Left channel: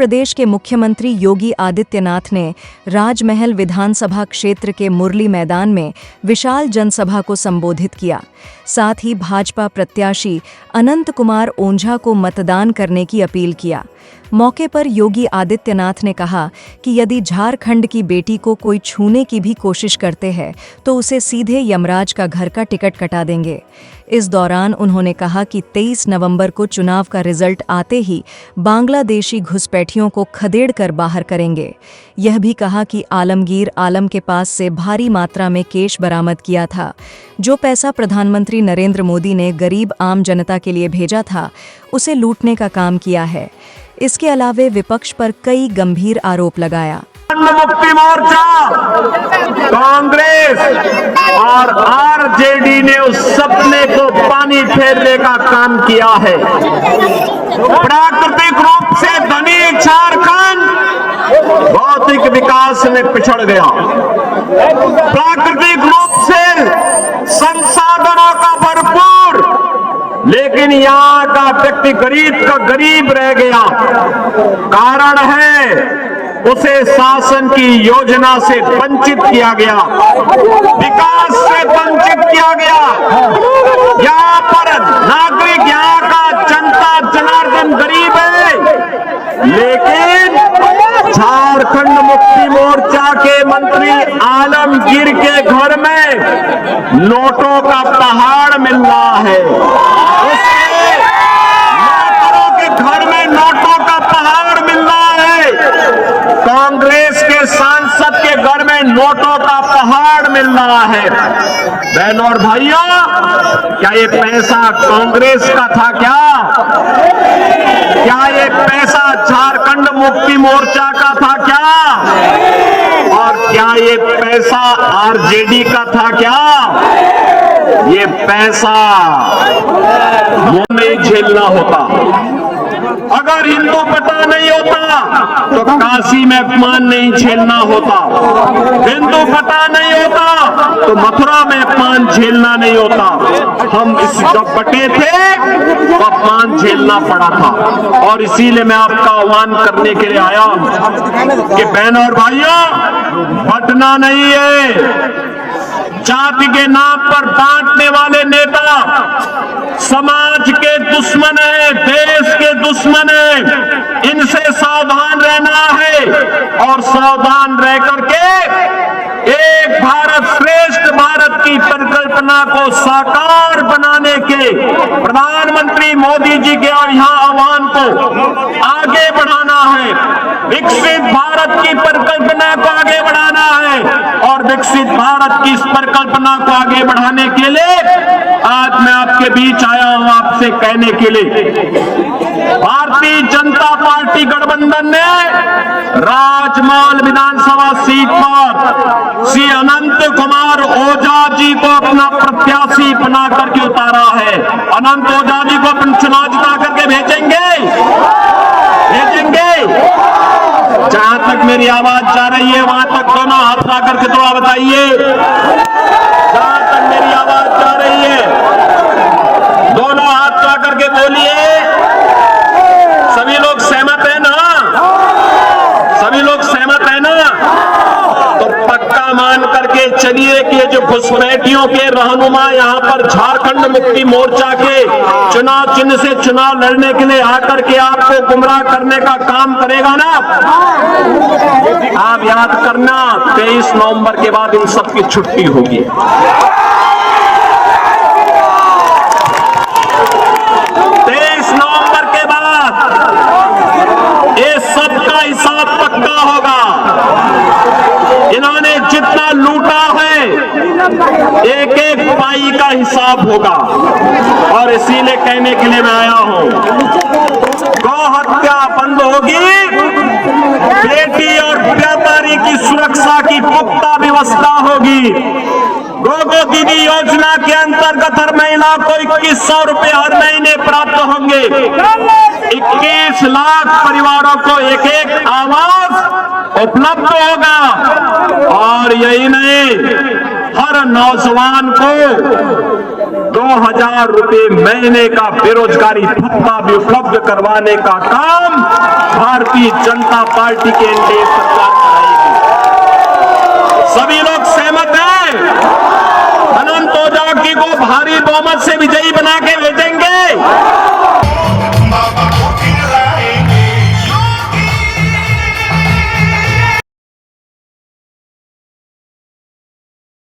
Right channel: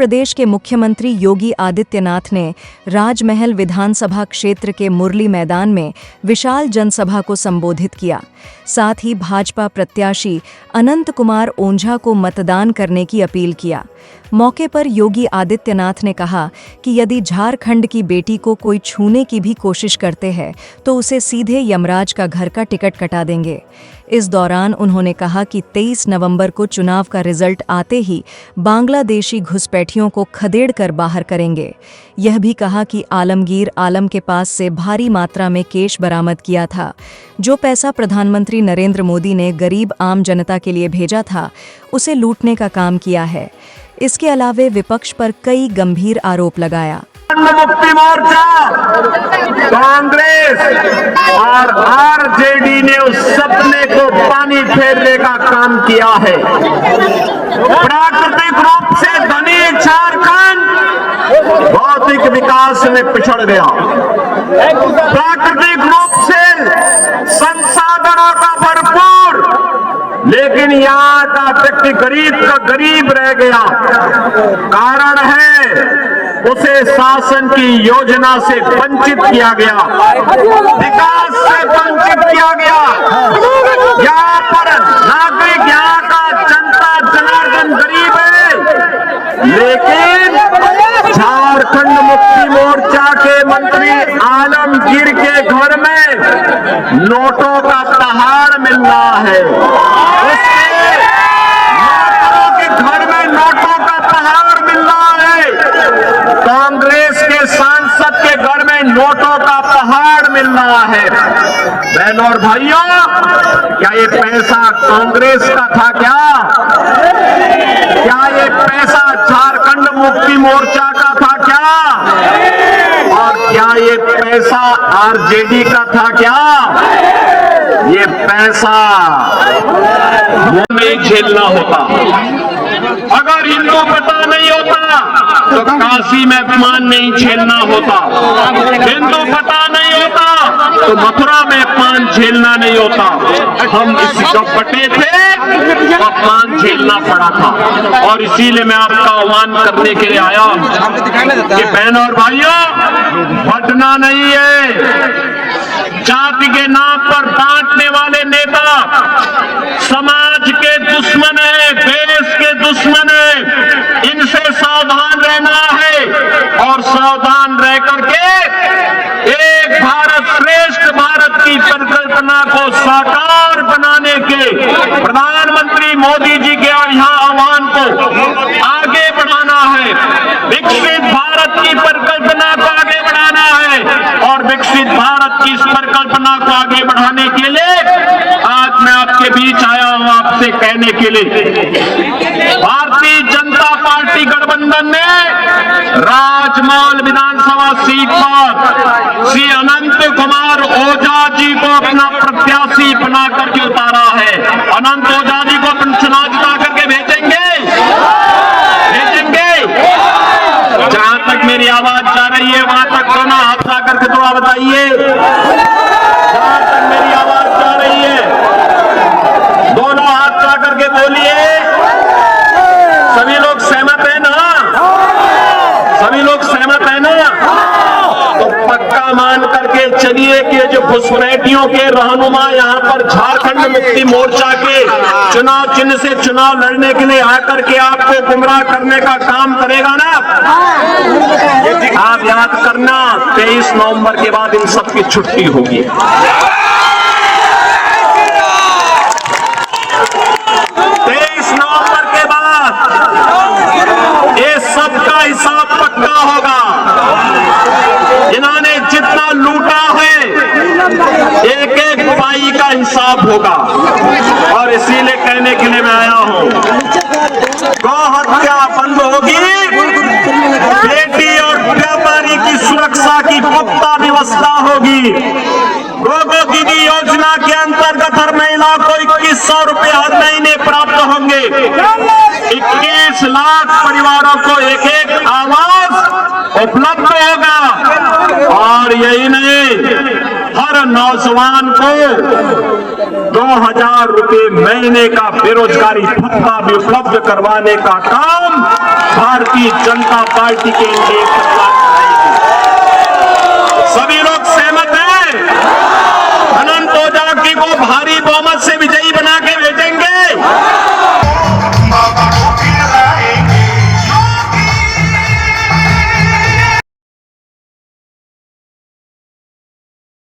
प्रदेश के मुख्यमंत्री योगी आदित्यनाथ ने राजमहल विधानसभा क्षेत्र के मुरली मैदान में विशाल जनसभा को संबोधित किया। साथ ही भाजपा प्रत्याशी अनंत कुमार ओंझा को मतदान करने की अपील किया। मौके पर योगी आदित्यनाथ ने कहा कि यदि झारखंड की बेटी को कोई छूने की भी कोशिश करते हैं तो उसे सीधे यमराज का घर का टिकट कटा देंगे। इस दौरान उन्होंने कहा कि 23 नवंबर को चुनाव का रिजल्ट आते ही बांग्लादेशी घुसपैठियों को खदेड़ कर बाहर करेंगे। यह भी कहा कि आलमगीर आलम के पास से भारी मात्रा में कैश बरामद किया था। जो पैसा प्रधानमंत्री नरेंद्र मोदी ने गरीब आम जनता के लिए भेजा था, उसे लूटने का काम किया है। इसके अलावे विपक्ष पर कई गंभीर आरोप लगाया। मुक्ति मोर्चा, कांग्रेस और आरजेडी ने उस सपने को पानी फेरने का काम किया है। प्राकृतिक रूप से धनी झारखंड भौतिक विकास में पिछड़ गया। प्राकृतिक रूप से संसाधनों का भरपूर, लेकिन यहाँ का व्यक्ति गरीब का गरीब रह गया। कारण है उसे शासन की योजना से वंचित किया गया, विकास से वंचित किया गया। यहाँ पर नागरिक, यहाँ का जनता जनार्दन गरीब है, लेकिन झारखंड मुक्ति मोर्चा के मंत्री आलमगीर के घर में नोटों का पहाड़ मिल रहा है। सांसद के घर में नोटों का पहाड़ मिल रहा है। बहनों और भाइयों, क्या ये पैसा कांग्रेस का था? क्या ये पैसा झारखंड मुक्ति मोर्चा का था क्या? और क्या ये पैसा आरजेडी का था क्या? ये पैसा वो नहीं झेलना होता। अगर हिंदू पता नहीं होता तो काशी में अपमान नहीं झेलना होता। हिंदू पता नहीं होता तो मथुरा में अपमान झेलना नहीं होता। हम इसका पटे थे तो अपमान झेलना पड़ा था। और इसीलिए मैं आपका आह्वान करने के लिए आया कि बहनों और भाइयों, बंटना नहीं है। जाति के नाम पर बांटने वाले नेता समाज के दुश्मन है, देश के दुश्मन है। इनसे सावधान रहना है और सावधान रह करके एक भारत श्रेष्ठ भारत की परिकल्पना को साकार बनाने के प्रधानमंत्री मोदी जी के यहाँ आह्वान को आगे बढ़ाना है। विकसित भारत की परिकल्पना को आगे बढ़ाना है और विकसित भारत की इस परिकल्पना को आगे बढ़ाने के लिए आज मैं आपके बीच आया हूं आपसे कहने के लिए। भारतीय जनता पार्टी गठबंधन ने राजमहल विधानसभा सीट पर श्री अनंत कुमार ओझा जी को अपना प्रत्याशी बना करके उतारा है। अनंत ओझा जी को चुनाव जिता करके भेजेंगे। जहां तक मेरी आवाज जा रही है वहां तक दोनों हाथ ला करके दुआ बताइए। जहां तक मेरी आवाज जा रही है दोनों हाथ ला करके बोलिए। सभी लोग सहमत है ना? सभी लोग सहमत है ना? तो पक्का मान करके चलिए कि जो घुसपैठियों के रहनुमा यहाँ पर झारखंड मुक्ति मोर्चा के चुनाव चिन्ह से चुनाव लड़ने के लिए आकर के आपको गुमराह करने का काम करेगा ना, आप याद करना 23 नवंबर के बाद इन सबकी छुट्टी होगी। 23 नवंबर के बाद ये सबका हिसाब पक्का होगा। इन्होंने जितना लूटा है एक एक भाई का हिसाब होगा। और इसीलिए कहने के लिए मैं आया हूं, गौ हत्या बंद होगी, बेटी और व्यापारी की सुरक्षा की पुख्ता व्यवस्था होगी। गोगो दीदी योजना के अंतर्गत हर महिला को 2100 रुपए हर महीने प्राप्त होंगे। 21 लाख परिवारों को एक एक आवास उपलब्ध होगा। और यही नहीं, हर नौजवान को 2000 रुपए महीने का बेरोजगारी भत्ता भी उपलब्ध करवाने का काम भारतीय जनता को भारी बहुमत से विजयी बना के